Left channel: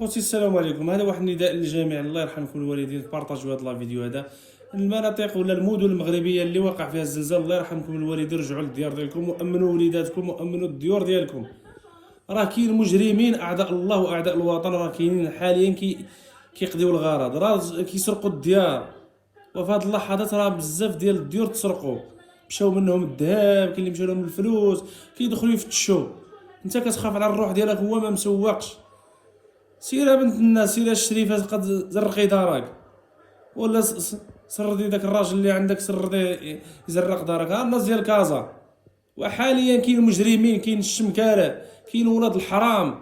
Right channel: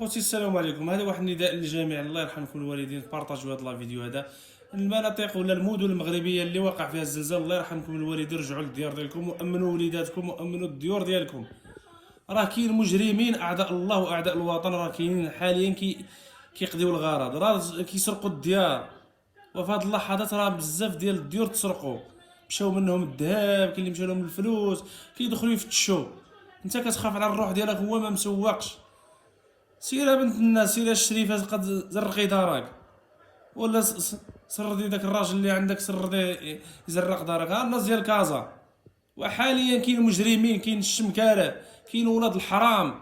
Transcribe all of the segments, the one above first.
خوتي السلام عليكم. هذا واحد النداء للجميع، الله يرحمكم الوالدين، بارطاجيو هذا الفيديو هذا. المناطق ولا المدن المغربيه اللي وقع فيها الزلزال، الله يرحمكم الوالدين، رجعوا للديار ديالكم وامنوا وليداتكم وامنوا الديور ديالكم. راه كاين مجرمين اعداء الله واعداء الوطن، راه كاينين حاليا كيقضيو الغرض، راه كيسرقوا الديار. وفي هاد اللحظات راه بزاف ديال الديور تسرقوا، مشاو منهم الذهب، كاين اللي مشى لهم الفلوس، كيدخلوا يفتشوا. انت كتخاف على الروح ديالك، هو ما مسوقش. سير بنت الناس، سير الشريفه، قد زرقي دارك، ولا سردي داك الراجل اللي عندك، سرديه يزرق دارك. ها الناس ديال كازا. وحاليا كاين مجرمين، كاين الشمكاله، كاين ولاد الحرام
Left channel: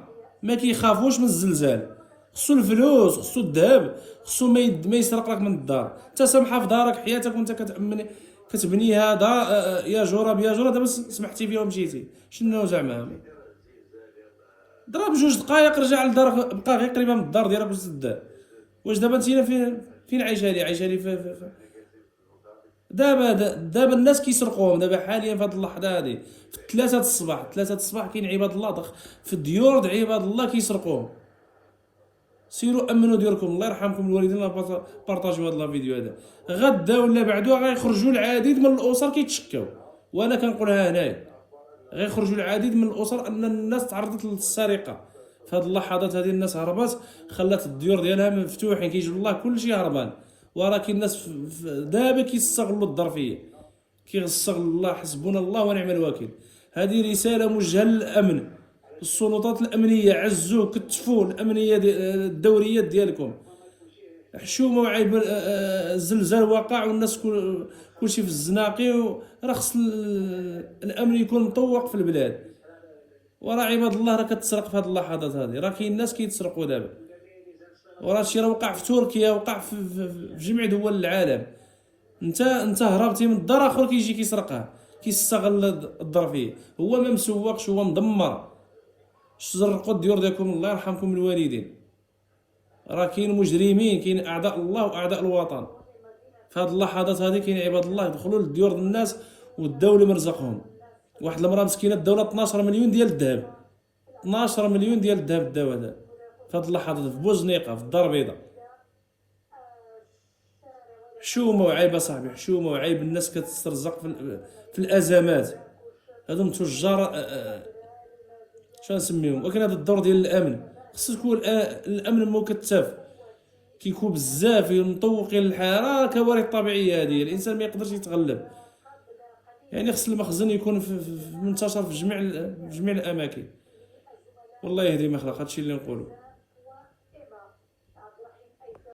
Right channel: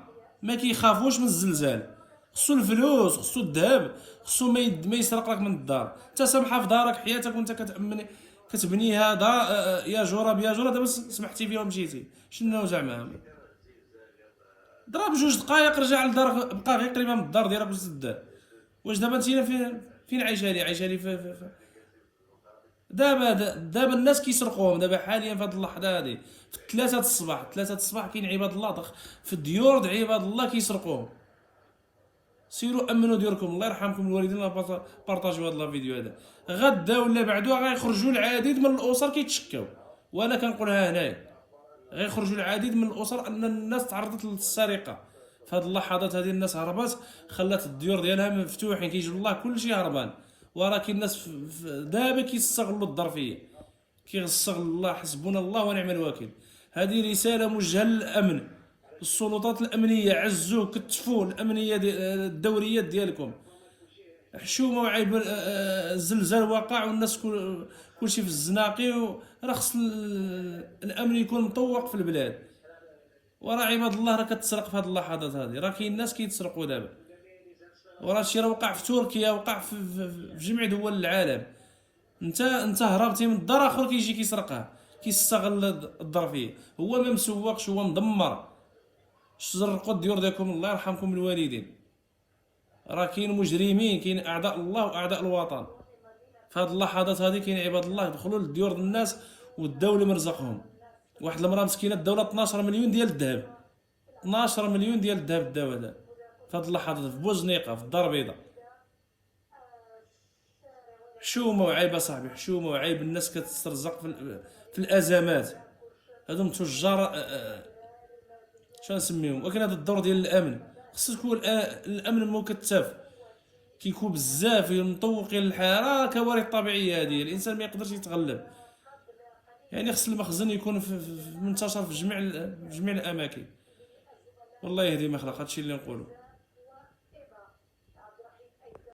ما كيخافوش من الزلزال. خصو الفلوس، خصو الذهب، خصو ما يسرق لك من الدار. انت سامحه في دارك حياتك وانت كتبنيها دار. يا جراب يا جراب، دابا سمحتي فيها ومشيتي، شنو زعما؟ ضرب جوج دقائق رجع لدارك، بقى غير قريبه من الدار ديالك وسد. واش دابا انت فين عايشه لي؟ عايشه لي دابا الناس كيسرقوهم دابا حاليا في هذه اللحظه هذه، في 3 الصباح. 3 الصباح كاين عباد الله في الديور د عباد الله كيسرقوهم. سيروا امنوا ديوركم، الله يرحمكم الوالدين، بارطاجيو هذا الفيديو هذا. غدا ولا بعدو غيخرجوا العديد من الاسر كيتشكاو، وانا كنقولها هنايا، غيخرجوا العديد من الاسر ان الناس تعرضت للسرقه. في هذه اللحظات هذه الناس هربات، خلات الديور ديالها مفتوحين، كيجيو الله كلشي هربان. ولكن الناس دابا كيستغلوا الظرفيه، كيستغل الله. حسبنا الله ونعم الوكيل. هذه رساله موجهه للامن، السلطات الامنيه، عزوا كتفوا الامنيه الدوريات ديالكم. حشومه عيب. الزلزال وقع والناس كلشي في الزناقي، راه خص الامن يكون مطوق في البلاد. وراه عباد الله راه كتسرق في هذه اللحظات هذه، راه كاين ناس كيتسرقوا دابا. وراه الشيء راه وقع في تركيا، وقع في جميع دول العالم. انت هربتي من الدار، اخر كيجي كيسرقها، كيستغل الظرفيه. هو ما مسوقش، هو مدمر. سرقوا الديور ديالكم، الله يرحمكم الوالدين. راه كاين مجرمين، كاين اعداء الله واعداء الوطن. في هذه اللحظات هذه كاين عباد الله يدخلوا للديور ديال الناس والدوله مرزقهم. واحد المراه مسكينه الدوله 12 مليون ديال الذهب، 12 مليون ديال الذهب داو هذا في هذه اللحظات في بوزنيقه في الدار البيضاء. حشومه وعيب اصاحبي، حشومه وعيب. الناس كتسترزق في الازمات. هذوم تجار. شنو نسميهم؟ ولكن هذا الدور ديال الامن، خصو يكون الامن مكثف. كيكون بزاف مطوقين الحياه، راه كوارث طبيعيه هذه، الانسان ما يقدرش يتغلب. يعني خص المخزن يكون منتشر في جميع الاماكن. والله يهدي ما خلق، هادشي اللي نقولو.